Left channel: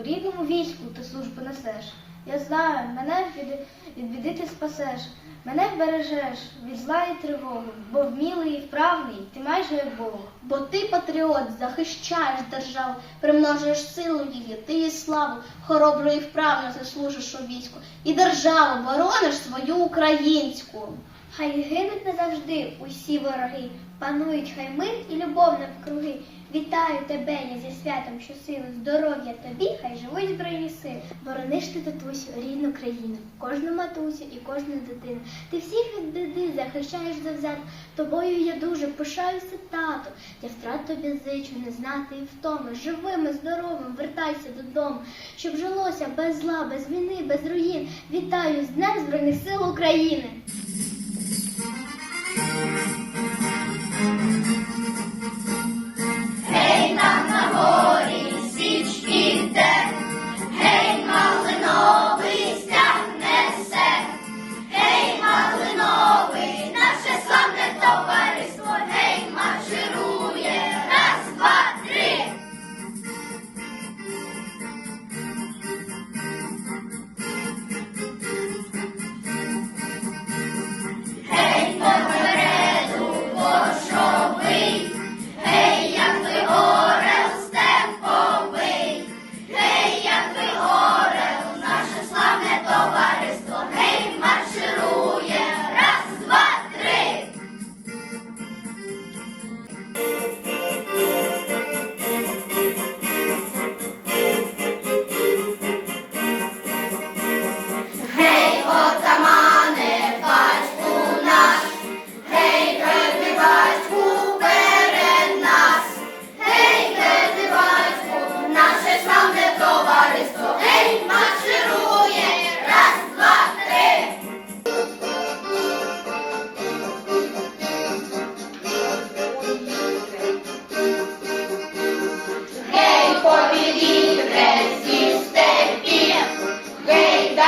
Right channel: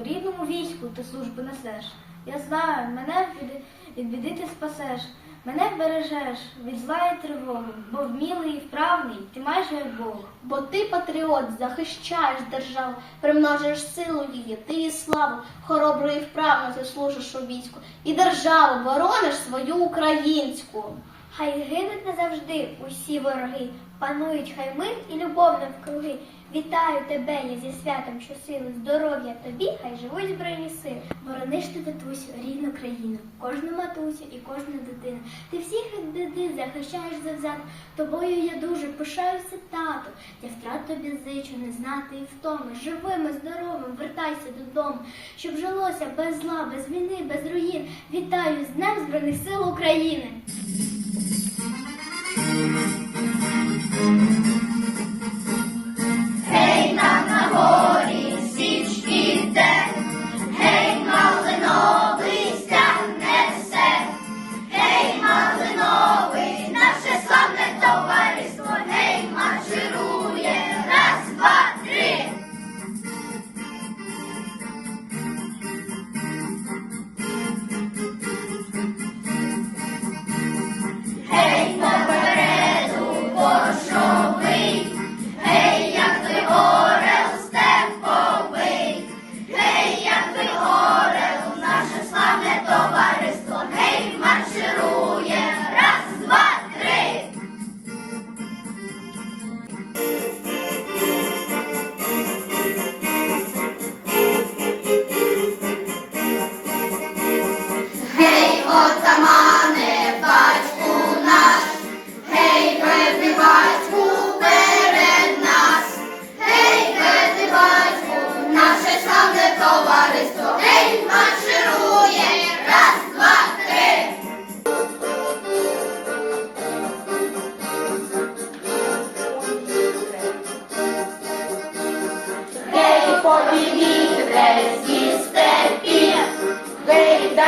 У рідному війську ти службу несеш. Я знаю, мене від, біди ти спасеш, мене вбережеш від зла і тривоги, бо вмілий і вправний, ти майже як Бог. Бо ти патріот, захищаєш державу, примножуєш силу її, ти її славу, хоробро і вправно заслужиш у війську, і державу борониш свою українську. Хай гинуть назавжди усі вороги, панують хай мир і любов навкруги. Вітаю тебе, я зі святом щосили, здоров'я тобі, хай живуть збройні сили. Борониш ти татусю, рідну країну, кожну матусю і кожну дитину. Ти всіх від захищаєш завзято, тобою я дуже пишаюся, тато. Я втрат тобі зичу, не знати і втоми. Живими, здоровим, вертайся додому, щоб жилося без зла, без війни, без руїн. Вітаю з Днем Збройних сил України!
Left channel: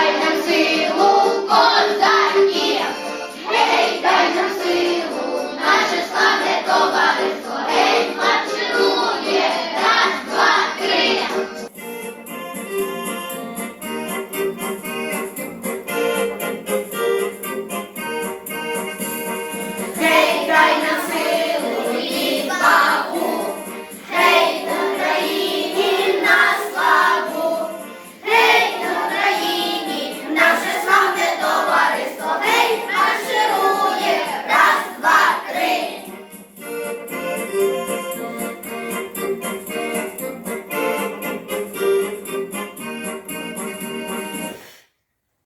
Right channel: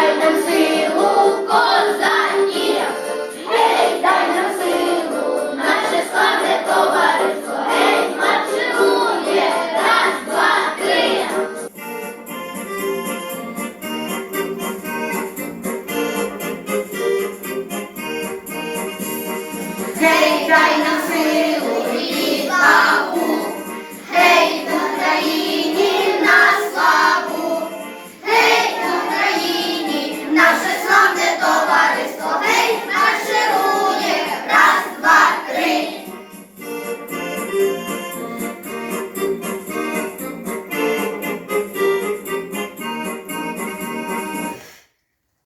and see